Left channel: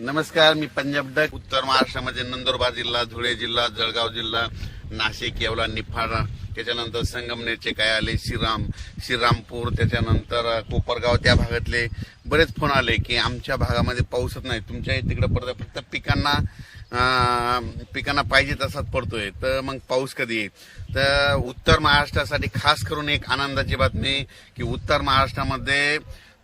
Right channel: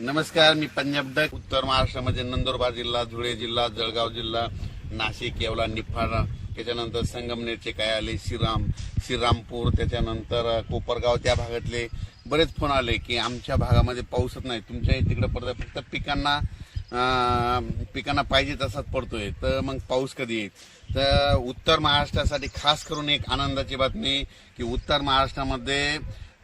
नमस्कार मी पंजाब डक उत्तर महाराष्ट्रामध्ये नंदुरबार जिल्हा धुळे जिल्हा जळगाव जिल्हा नाशिक येवला निफाडा त्याच्यानंतर संगमनेरचे काय आले श्रीराम श्रीरामपूर त्याच्यानंतर कोपरगाव त्या भागातले बरेच फोन आले की आमच्या भागामध्ये पाऊसच नाही तुमच्या तिकडं पडतं फक्त पिकांना पिकांना पाहिजे तसाच पडतोय तर मग पाऊस कधी येईल तर उत्तर महाराष्ट्रासाठी खास करून एक आनंदाची बातमी की उत्तर महाराष्ट्रामध्ये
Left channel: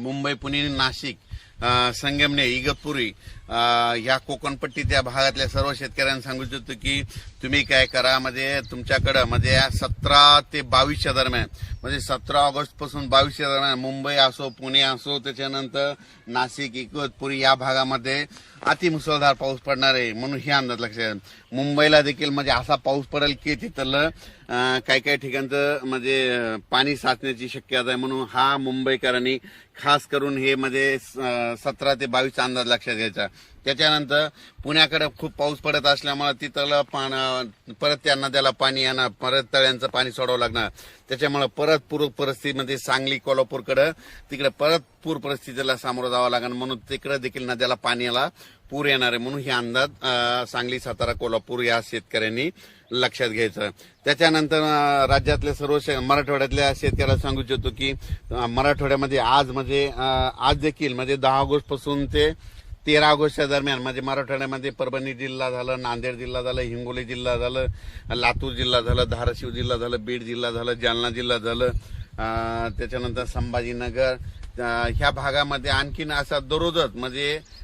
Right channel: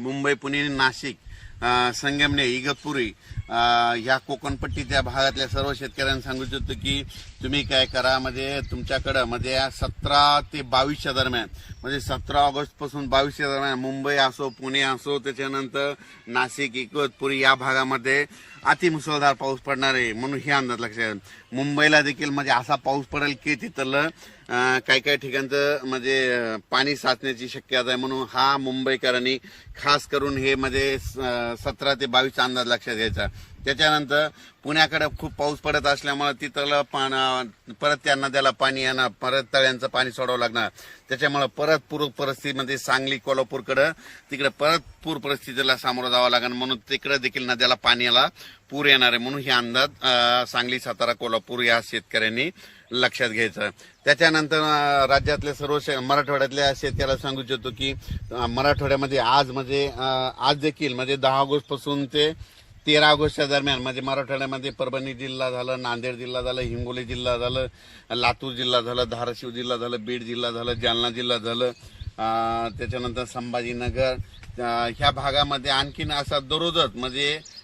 मुंबई पुणे नाशिक संगमने इगतपुरी ह्या कोकणपट्टी त्या भागातल्या सर्व शेतकऱ्यांना सांगू इच्छितो की तुम्ही काय करा म्हणजे तुमच्याकडं म्हणजे सतरा ते बावीसच्या दरम्यान म्हणजे सतरा ऑगस्ट पासून बावीस दरम्यान मुंबई असो पुणे असो त्याच्यानंतर नाशिक इकवतपुरी या भागामध्ये अतिमुसळधार पाऊस पडणार आहे म्हणून हे अंदाज लक्षात मुंबईला देखील म्हणजे असा पाऊस पडेल की तिथलं काही काही ठिकाणचं म्हणजे पाणी साचण्याची शक्यता आहे म्हणून हा मुंबईकरांनी खास करून हे म्हणजे सतरा ते बावीसचा अंदाज लक्षात घ्यायचा त्याच्यानंतर पुण्याकडे खूप पाऊस पडत असल्यामुळे तिथलं पाण परत त्या नद्याला पाणी येणार परत तळ्यांचं पाणी सोडावं लागणार त्याच्यामुळे परत पूर परिस्थितीमध्ये म्हणजे सांगली कोल्हापूरकडं तिकडे परत पूर परिस्थितीला सामोरं जावं लागणार म्हणून तिकडे देखील नद्याला पाण्याला पूर येणार आहे म्हणून हे अंदाज सांगली सातारा कोल्हापूर या शेतकऱ्यांनी लक्षात घ्यायचं त्याच्यानंतर राज्यातल्या सर्व मराठवाड्यातल्या शेतकऱ्याला सांगू इच्छितो की मराठवाड्यामध्ये आज म्हणजे आज देखील म्हणजे दहा ऑगस्ट पासून ते तेरा ऑगस्टच्या दरम्यान म्हणजे मराठवाड्यामध्ये परभणी जिल्हा झालं नांदेड जिल्हा झालं हिंगोली जिल्हा झालं लातूर जिल्हा झालं धाराशिव जिल्हा झालं बीड जिल्हा झालं जालना जिल्हा झालं त्याच्यानंतर संभाजीनगर ह्या भागामध्ये आणखीन असा दररोजच म्हणजे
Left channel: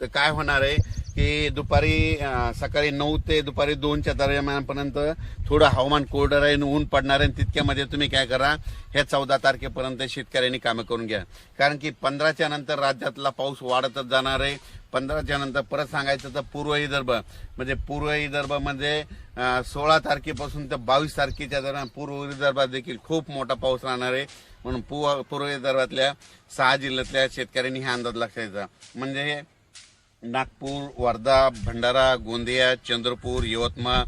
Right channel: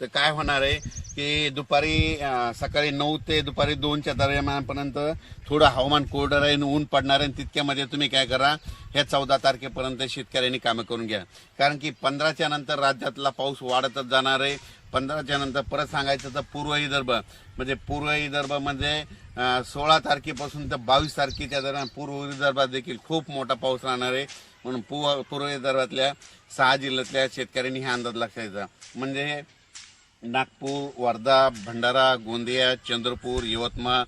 तर काय होणार आहे की दुपारी सकाळी नऊ ते दुपारी दोनच्या दरम्यानपर्यंत थोडं हवामान कोरडं राहील ऊन पडणार आहे तितक्यामध्ये तुम्ही काय करा हे चौदा तारखेपर्यंत शेतकऱ्यांनी कामं करून घ्या कारण की पंधराच्या नंतर राज्यातला पाऊस वाढतच जाणार आहे पंधराच्या नंतर परत सांगायचं तर पूर्व विदर्भ म्हणजे पूर्व विदर्भ म्हणजे, सोळा तारखेपासून तर बावीस तारखेच्या दरम्यान पूर्व विदर्भात देखील खूप मोठा पाऊस राहणार आहे म्हणून पूर्व पूर्व विदर्भातल्या सहा जिल्ह्यातल्या शेतकऱ्यांनी हा अंदाज लक्षात म्हणजे नागपूर वर्धा भंडारा गोंदिया चंद्रपूर यवतमाळ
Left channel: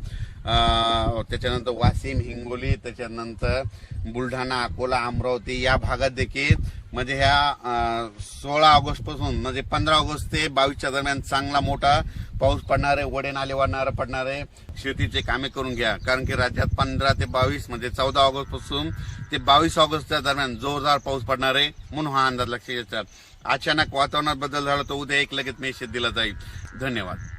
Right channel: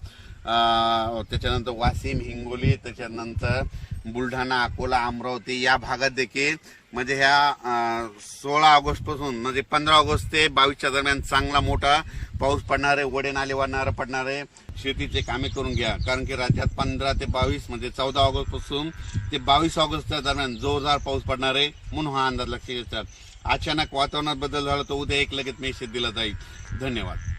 त्याच्यानंतर वाशिम हिंगोली त्याच्यानंतर बुलढाणा अकोला अमरावती या भागात देखील म्हणजे ह्या सोळा ऑगस्टपासून म्हणजे पंधरा ऑगस्ट ते बावीसच्या दरम्यान चांगला मोठा पाऊस पडणार आहे वडे नाले वाढणारे पडणार आहे शेतीचे कामे करून घ्या कारण की राज्यात पंधरा ते बावीस म्हणजे चौदा ऑगस्टपासून ते बावीस ऑगस्टच्या दरम्यान जोरदार पाऊस पडणार आहे म्हणून हा अंदाज लक्षात येतात अचानक वातावरणात बदल झाला तर उद्या एक लगेच मेसेज दिला जाईल धन्यवाद